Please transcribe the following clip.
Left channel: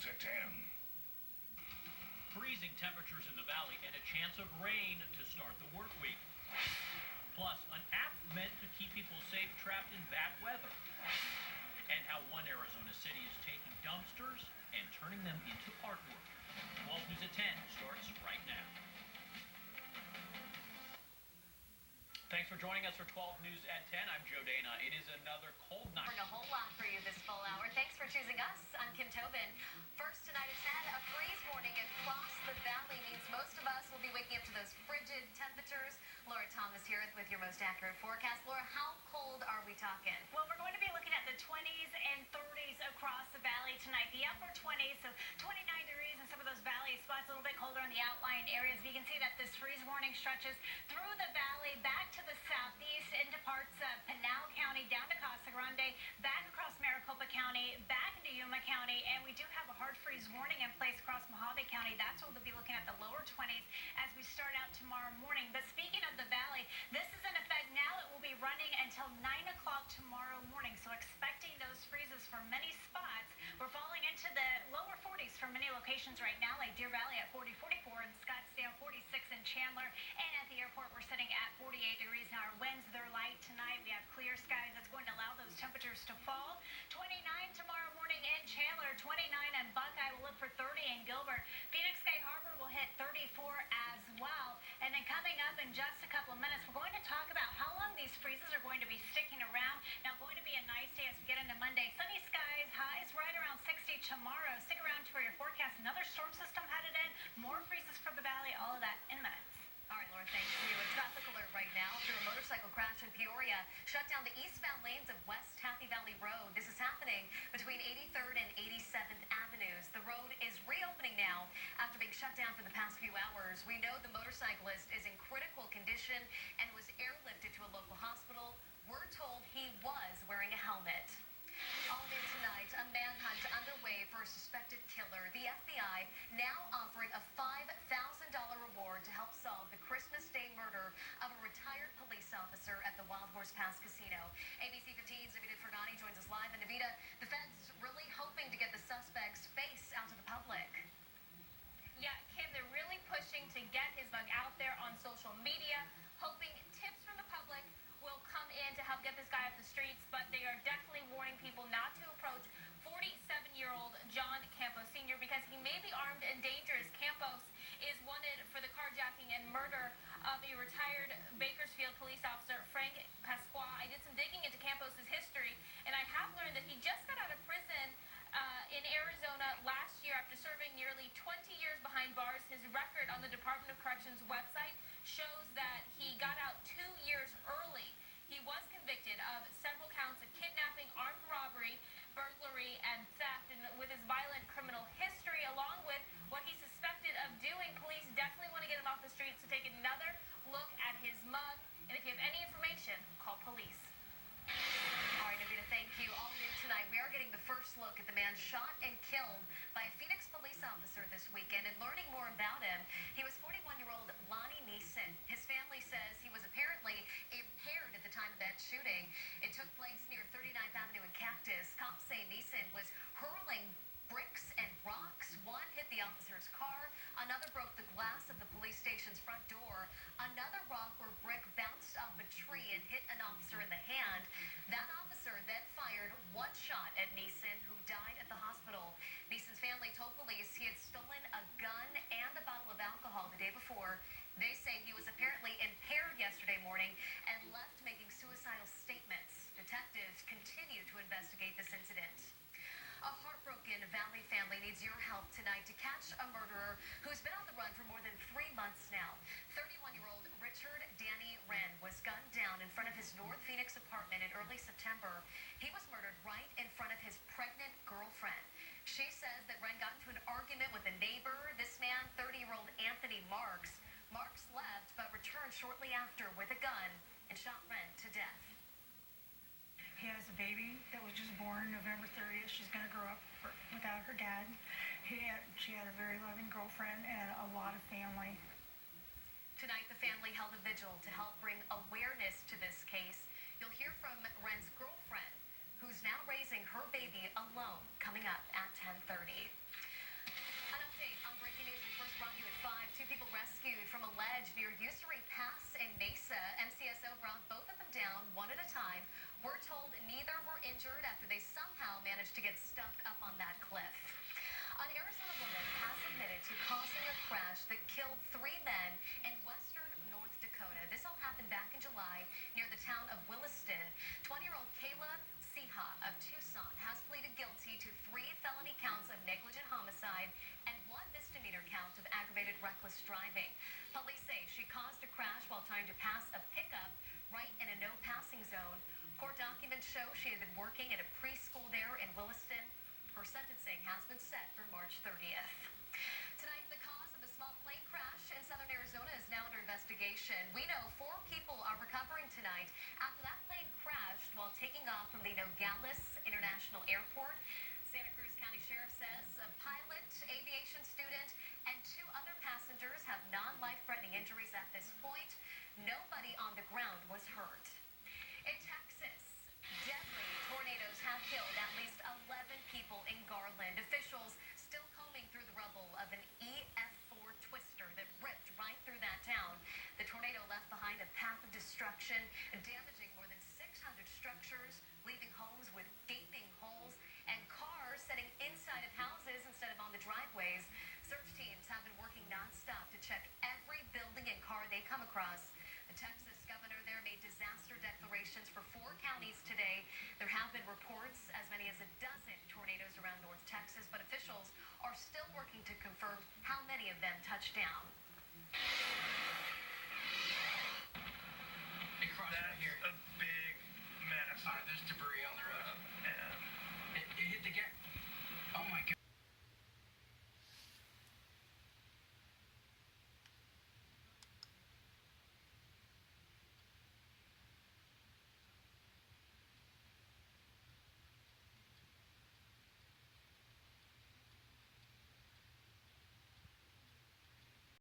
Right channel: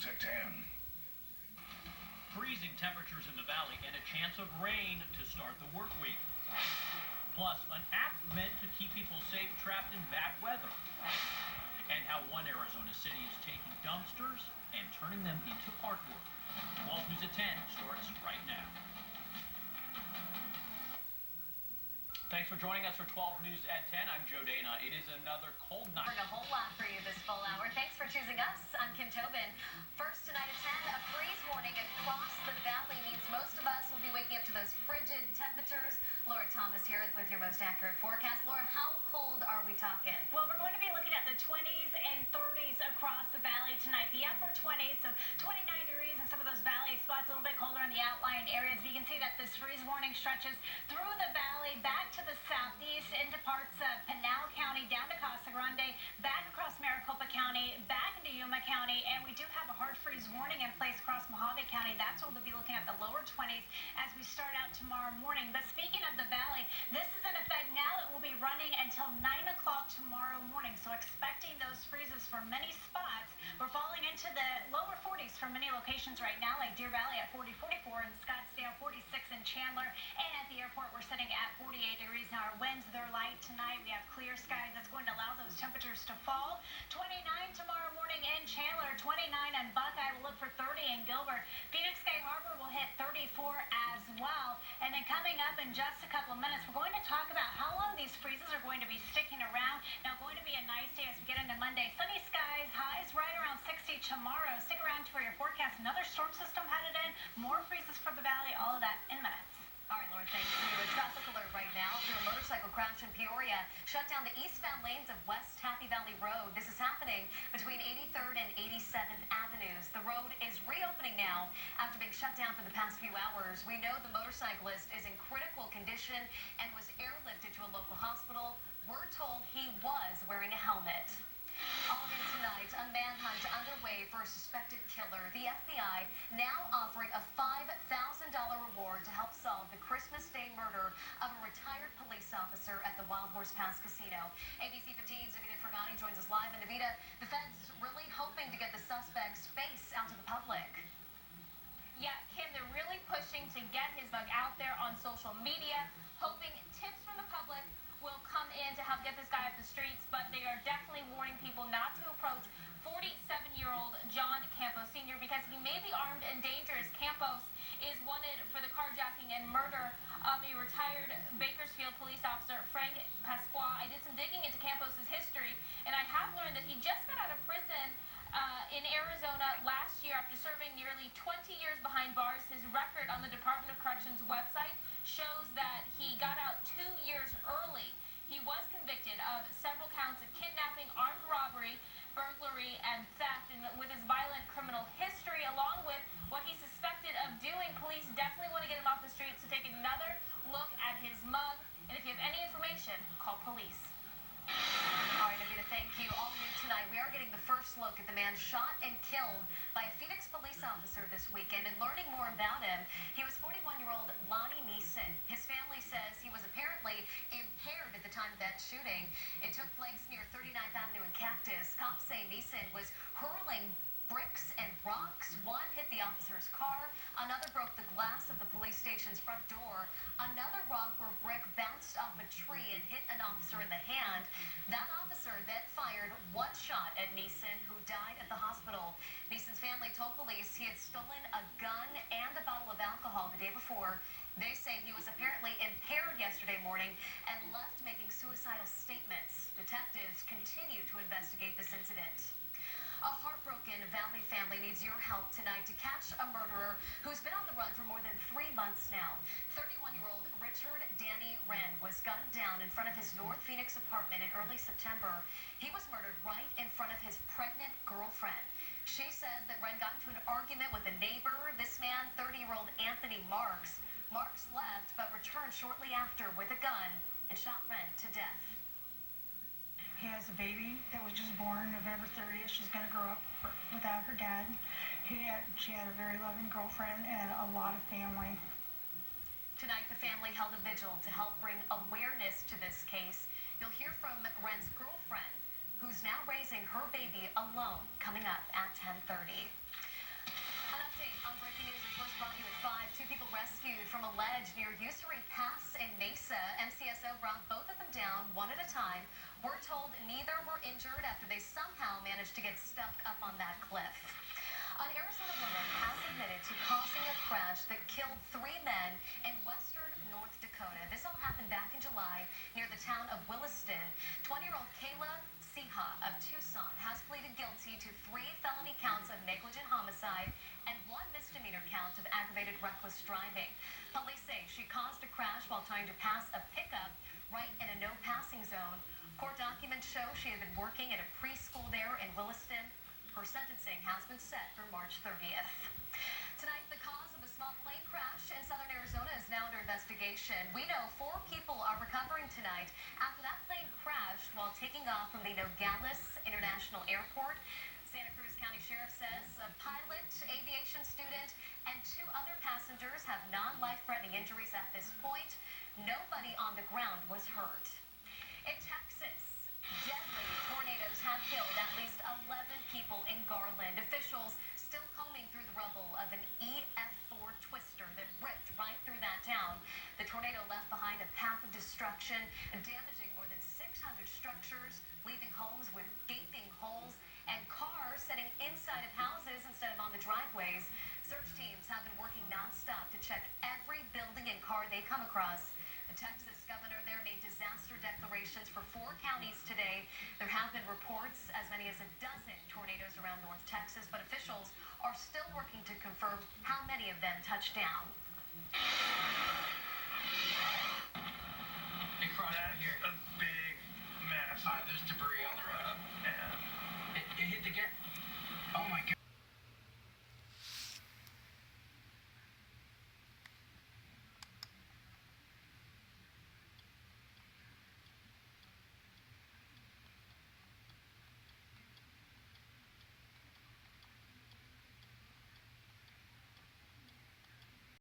News at 10. Freezing temperatures in the valley and a chance of rain to start the work week. Plus, an app meant to keep people safe trapped in bad weather. And how one Arizona city is taking dumpsters and turning them into artwork. 12 News at 10 starts right now. Thanks for joining us for 12 News at 10. I'm Joe Dana. It is another cold night. A whole lot for you this full hour. Thanks for choosing us. I'm Kim Tobin. First tonight at 10, a freeze warning across the valley means most of us will be waking up to those frigid temperatures. Laura Thomas here with your most accurate forecast. Laura, how cold are we talking? Well, we're going to be looking at the 20s and 30s across the valley tonight. The upper 20s, so 29 degrees in some of those valley spots, a little bit colder in the outlying areas. You can see that this freeze warning stretches through the valley, back to the southeast, into parts of Pinal County, down to Casa Grande, back across Maricopa County, back into Yuma County, and we do have a hard freeze warning in place across Mojave County. That's where we'll be looking at the lower 20s as we start out tomorrow morning. But speaking of the valley, this is in effect now. It will be running until 9 o'clock tomorrow morning, so expecting those freezes for many spots. We're falling into the lower 40s for many locations right now, like Deer Valley at 40, 44 in Scottsdale, 46 in Chandler, and at the airport we're sitting at 48 degrees. Now our winds, they're light tonight. We have clear skies. That's going to allow those temperatures to fall. 29 tomorrow morning in Chandler, 29 in Buckeye. We'll look for 30 in Gilbert. Phoenix Sky Harbor will hit 34 as well. And then coming up in just a couple of minutes, we're going to talk about how long these freezes are going to be sticking around. Now, going to be a nice day as we get into Monday. Sunny skies, highs right around 60 tomorrow. Stick around for your forecast. Another storm system headed in. More freezes for the valley. All of that in minutes. All right, Laura, thank you. A traffic alert right now through a motorcycle crash in Peoria. Shut down the eastbound lanes of West Happy Valley Road. This is happening between 83rd and 87th Avenues. The road is reopening now after being shut down for the past few hours. We know the motorcyclist is in critical condition and was airlifted to a local hospital. We're told he was wearing a helmet. All in tonight, a manhunt underway for a suspected killer. The FBI now offering a $5,000 reward to help solve the Christmas Day murder of a retired police officer at the Wild Horse Pass Casino. ABC 15's Navita Fergani joins us live. And Navita, the feds really hoping to get the suspect's face out to the public. Yeah, Kim, they're really pushing to get his bug out there on social media, hoping tips from the public will come in to help get this guy off the streets, but they are definitely warning people not to approach 47-year-old John Campos Sr. because he may be armed and dangerous. Campos is wanted for the carjacking and murder of a retired Bakersfield police officer, Frank Pasqua. I did some digging into Campos' history, and I have learned that he just got out of prison in Arizona last year after serving nearly 20 years behind bars. His record on the Department of Corrections website shows that he got out 2 years early. He was convicted of several counts of kidnapping, armed robbery, burglary, and theft. And with his violent criminal history, along with what he's suspected of doing, police definitely want to get him off the streets to take another look at his mug. And if you have any information, call police. All right, Navita, thank you. All new tonight, we are getting the first look at the man shot and killed by a Phoenix police officer this weekend. And learning more about him, he was 41-year-old Lonnie Neeson. His family says he was apparently impaired at the time of that shooting. It took place near 39th Avenue in Cactus. Cops say Neeson was hurling bricks and rocks. One hit the officer's car. Another broke the glass of the police station's front door. Another rock or brick bounced off a tree and hit an officer in the hand. That officer then fired one shot at Neeson, who died at the hospital. Neeson's family told police he had stolen a gun and a bottle of alcohol the day before. They say he was apparently impaired yesterday morning and left making suicidal statements. Detectives continue to investigate this incident. A heartbroken Valley family needs your help tonight to catch a murderer who's been on the run for more than 3 months now. 31-year-old Richard Danny Wren was gunned down in front of his North Phoenix apartment in early September. He was murdered right in front of his pregnant girlfriend. She says that Wren got into an argument with a neighbor. This man, 30-year-old Anthony Marks. Marks left but returned shortly after with a gun and shot Wren to death. He has a baby that was just born November 30th. She's going to grow up without her dad. She had a very loving girlfriend and a lot of family. Tonight, the family held a vigil to help bring awareness to this case. You'll hear from Wren's girlfriend, who's now raising her baby alone, coming up at 10:30. rescued from a ledge near Usery Pass in Mesa. MCSO brought both of them down one at a time. We're told neither were injured after they somehow managed to get stuck up on that cliff. An Arizona woman has admitted to causing a crash that killed 3 men in western North Dakota. This all happened back in July near the town of Williston. 20-year-old Kayla Siha of Tucson has pleaded guilty to 3 felony counts of negligent homicide and 1 misdemeanor count of aggravated reckless driving. Police say she caused a crash while trying to pass a pickup right in a no-passing zone. Court documents show she had been working at a preschool there in Williston. Her sentencing has been set for March 30th. Tonight, the cause of a small plane crash in southern Arizona is now under investigation. We know 4 people are recovering tonight after that plane crashed while taking off from the Nogales International Airport. Santa Cruz County Sheriff says a pilot, aviation student, and 2 other passengers have non-life-threatening injuries at this point. Nobody on the ground was hurt. In Texas, deadly tornadoes have killed at least 11 people in Garland. Officials still combing through the rubble of an EF4 twister that ripped right through that town. The tornado left behind a path of destruction, damaging more than 600 structures, leaving homes with gaping holes and cars sitting inside of houses instead of on the driveways. Search teams have been working nonstop to check every building and car they come across. The Texas governor there made disaster declarations for 4 counties today. There have been reports as many as a dozen tornadoes around North Texas, but officials are still working to confirm how many of them touched down.